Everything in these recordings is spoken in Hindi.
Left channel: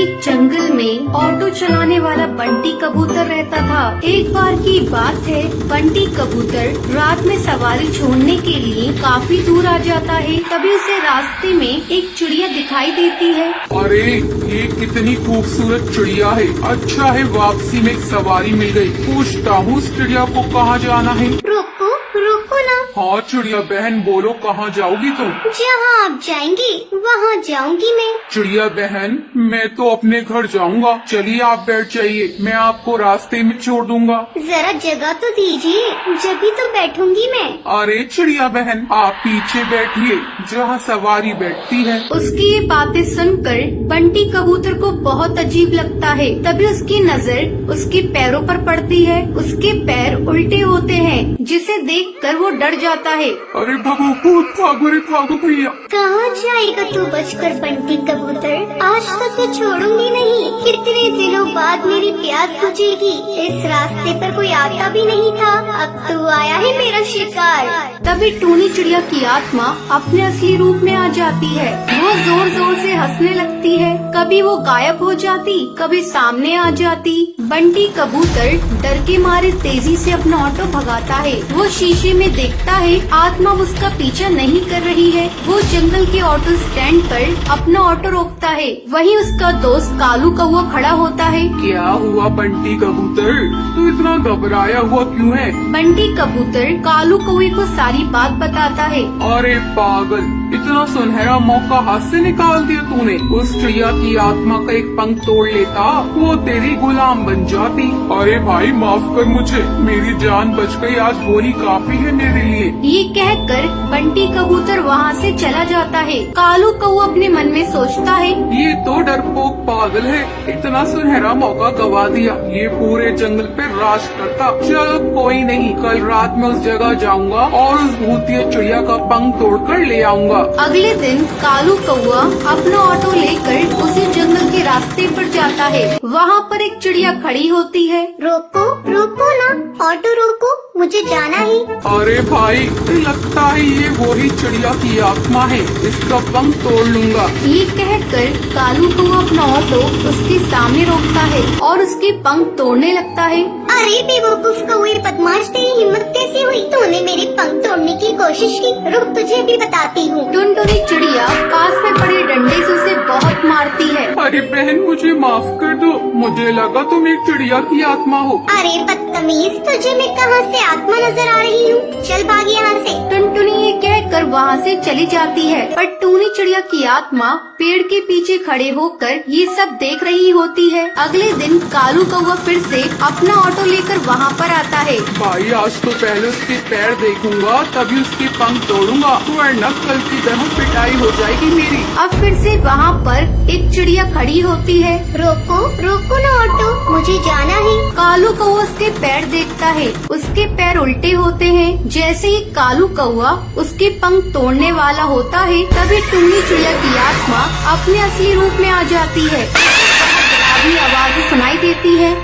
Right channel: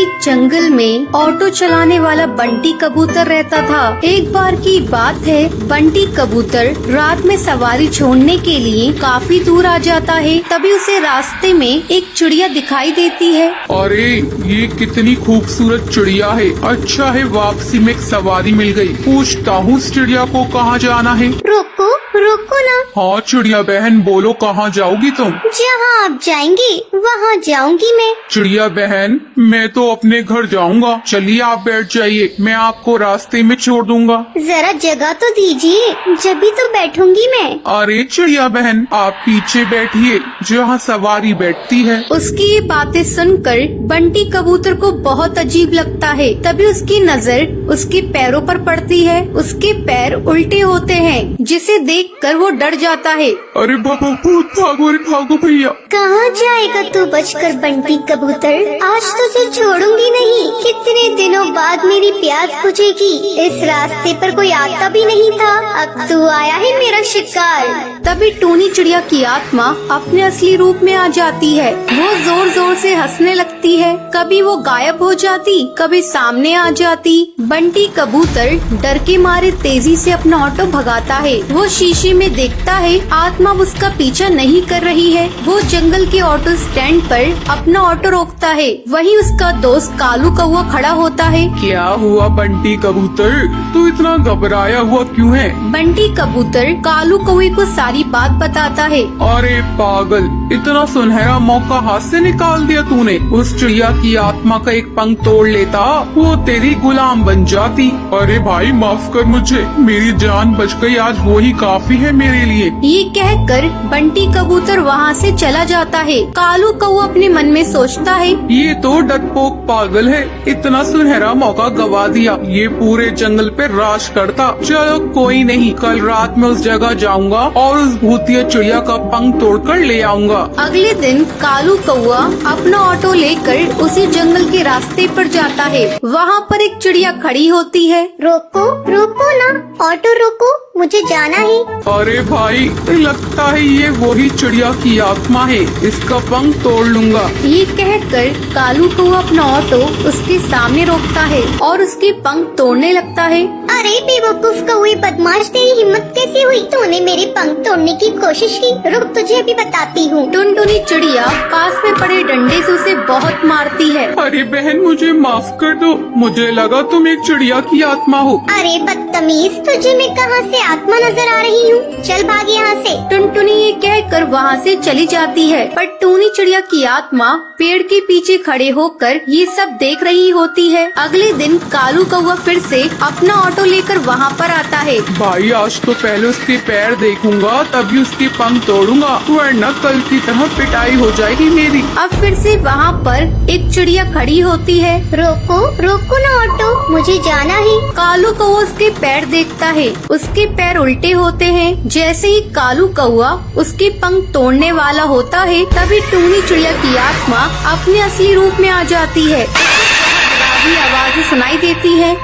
एक जंगल में ऑटो चलाने वाला बंटी कबूतर रहता था। एक बार की बात है, बंटी कबूतर रात में सवारी छोड़ने के लिए काफी दूर आ जाता है। तभी उसे रास्ते में एक चिड़िया दिखाई देती है। अरे ये कितनी खूबसूरत चिड़िया है। अच्छा है वापसी में एक सवारी मिल गई। पूछता हूँ उस चिड़िया को कहाँ जाना है। रुको रुको ना। हाँ चिड़िया बहन बोलो कहाँ जाओगी तुम? जहाँ आप जाएंगे वहाँ जाऊंगी मैं। चिड़िया बहन मैं तो अपने घर जाऊंगा। चलिए आप बैठ जाइए, मैं आपको रास्ते में छोड़ दूंगा। जरा जगह तो दीजिए, जब भी तो बैठूंगी मैं। अरे चिड़िया बहन आप पीछे बैठिए जहाँ सवारी बैठती है। उसकी ये बातें सुनकर बंटी कबूतर को बहुत अजीब लगता है। तभी उसकी नजर उसके पैरों पर पड़ती है। उसके पैर उल्टे होते हैं, जिसे देखकर वो डर जाता है। अरे भागो भागो रे भागो भैया। कहाँ जाएगा तू बचकर बंटी कबूतर? आज तो तुझे छोड़ूंगी नहीं। कितने दिनों बाद मेरी प्यास बुझेगी। इस रास्ते पर कोई आता भी नहीं था, अब तू आया है मेरा शिकार। तभी टूनी चिड़िया की आत्मा अपने असली रूप में आ जाती है। वो जोर जोर से हंसने लगती है। कभी वो गायब हो जाती, कभी सामने आ जाती। बंटी कबूतर डर के मारे तेजी से अपना ऑटो भगाता है। वो शीशे में देखता है आत्मा उसका पीछा नहीं कर रही है। वो जंगल के ऑटो स्टैंड पर अपना ऑटो रोकता है। वहीं उसका दोस्त कालू कौवा खड़ा होता है। क्या हुआ बंटी कबूतर, तू इतना घबराया हुआ क्यों है? बंटी कबूतर कालू कौवे को सारी बात बताता है। अरे पागल, इतना सुनहरा मौका हाथ से निकाल दिया तूने। उस चिड़िया की आत्मा का एक पंख तोड़ लेता, वो तेरी गुलाम बन जाती। अरे भाई माफ कर मुझे, मेरी जान बच गई, आज वो ही काफी है मेरे लिए। ये कहकर बंटी कबूतर वहाँ से चला जाता है। कालू कौवा अपने मन में सोचता है, ये तो डरपोक पागल है, इतना सुनहरा मौका गवा दिया। ये पूरे जंगल पे राज करता। चलो कोई नहीं, कल रात में उस जगह जाऊंगा और उस भूतिया चिड़िया का पंख तोड़कर ले आऊंगा। अगले दिन कालू कौवा अपना ऑटो लेकर उसी जंगल के रास्ते पर जाता है। वहाँ पर एक चिड़िया खड़ी होती है। रोको रोको ना, ऑटो रोको, मुझे जाना है। अरे भाई लगता है ये वही चिड़िया की आत्मा है, इसका पंख तोड़ लूंगा। ये कहकर कालू कौवा अपना ऑटो उसके सामने रोकता है और उसके पंख तोड़ने लगता है। अरे बेवकूफ कौवे बदमाश, तेरी हिम्मत कैसे हुई? तूने मेरे पंख तोड़ने की कोशिश की। रुक तुझे भी बताती हूँ। टुनटुनी चिड़िया पास में पड़े डंडे से उसे बहुत मारती है। अरे बहन मुझे माफ कर दो, मुझे लगा तुम एक चिड़िया की आत्मा हो। अरे बदतमीज, तुझे मैं कहाँ से आत्मा नजर आ रही हूँ? चल भाग यहाँ से। टुनटुनी ये कहकर वहाँ से चली जाती है, पर टूनी चिड़िया की आत्मा पेड़ के पीछे खड़े होकर ये सब देख रही होती है। अगले दिन कालू कौवा फिर से अपना ऑटो लेकर वहाँ पर आता है। भाई आज तो पहले उसके पैर देखूंगा तभी उसके पंख तोड़ूंगा, वरना कल की तरह पिटाई हो जाएगी मेरी। अब फिर से वहाँ पर एक चिड़िया खड़ी होती है। रोको रोको ना ऑटो, मुझे जाना है। कालू कौवा उसके पैर देखता है, उसके पैर उल्टे होते हैं। जैसे ही कालू कौवा उसके पंख तोड़ने वाला होता है, तभी टूनी चिड़िया की आत्मा अपने असली रूप में आ जाती है। डरावनी आवाज़ें सुनाई देती है।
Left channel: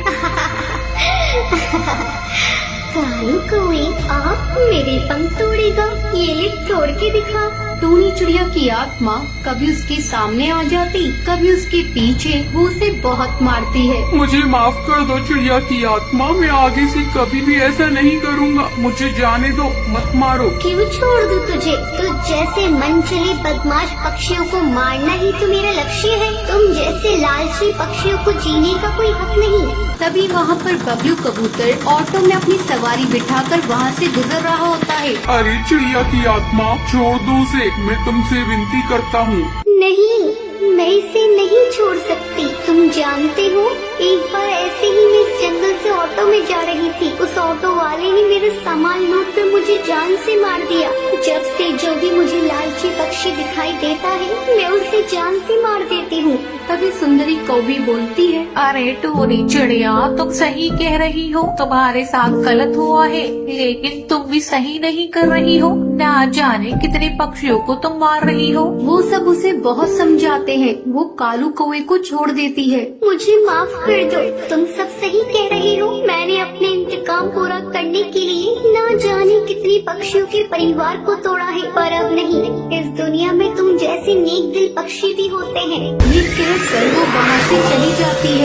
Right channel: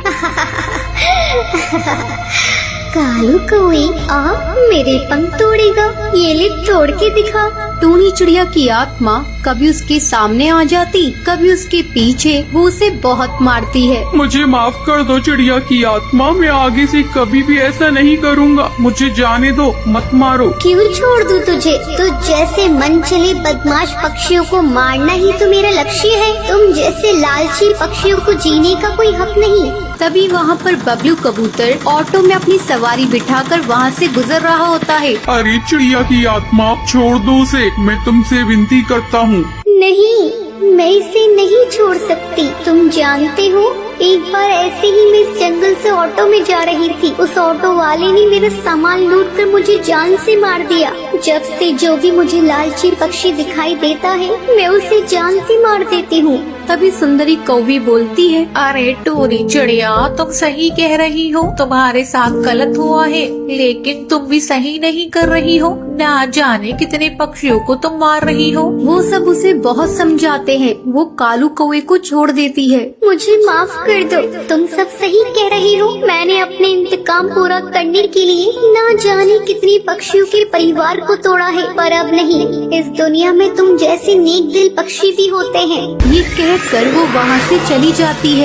कालू कौवे आप मेरे पंख तोड़ेगा? ये ले तोड़ के दिखा। टूनी चिड़िया की आत्मा कभी उसके सामने आ जाती, कभी उसके पीछे। वो उसे बहुत मारती है। मुझे माफ कर दो चिड़िया की आत्मा, मैं आगे से कभी भी ऐसा नहीं करूँगा। मुझे जाने दो, मत मारो। क्यों छोड़ दूं तुझे? तो जैसे मन चले बदमाश पक्षियों को मारना ही तो मेरा लक्ष्य है। तुम जैसे लालची पक्षियों को जीने का कोई हक नहीं। तभी वहाँ पर बबलू कबूतर ऑटो में अपनी सवारी बिठाकर वहाँ से गुजर रहा होता है। अरे चिड़िया की आत्मा छोड़ दो उसे, मैं तुमसे विनती करता हूँ। नहीं, मैं इसे नहीं छोड़ सकती। तुम जानते हो एक बार ऐसे ही मैं इस जंगल से ऑटो में जा रही थी। उस ऑटो वाले ने मेरा सामान लूट कर मुझे जान से मार दिया। जब से जो भी मुझे लालची पक्षी दिखाई देता है, मैं उसे जान से मार देती हूँ। तभी सुंदरी कौवी बोलती है, अरे टूनी चिड़िया तुम सही कह रही हो, तुम्हारे साथ गलत हुआ है, लेकिन तुम भी सही नहीं कर रही हो। ना जाने कितने पक्षियों को तुम मार रही हो। वो सब उसे बहुत समझाते हैं। वो कालू कौवे को छोड़ देती है। मुझे माफ कर दो, तुम सब सही कह रही हो। मैंने अपने इंतकाम काम पूरा करने के लिए ना जाने कितने पक्षियों के परिवार को तोड़ा है, पर अब नहीं, इस दुनिया में तुम जैसे नेक दिल पक्षी भी होते हैं। ये कहकर वो वहाँ से चली जाती है।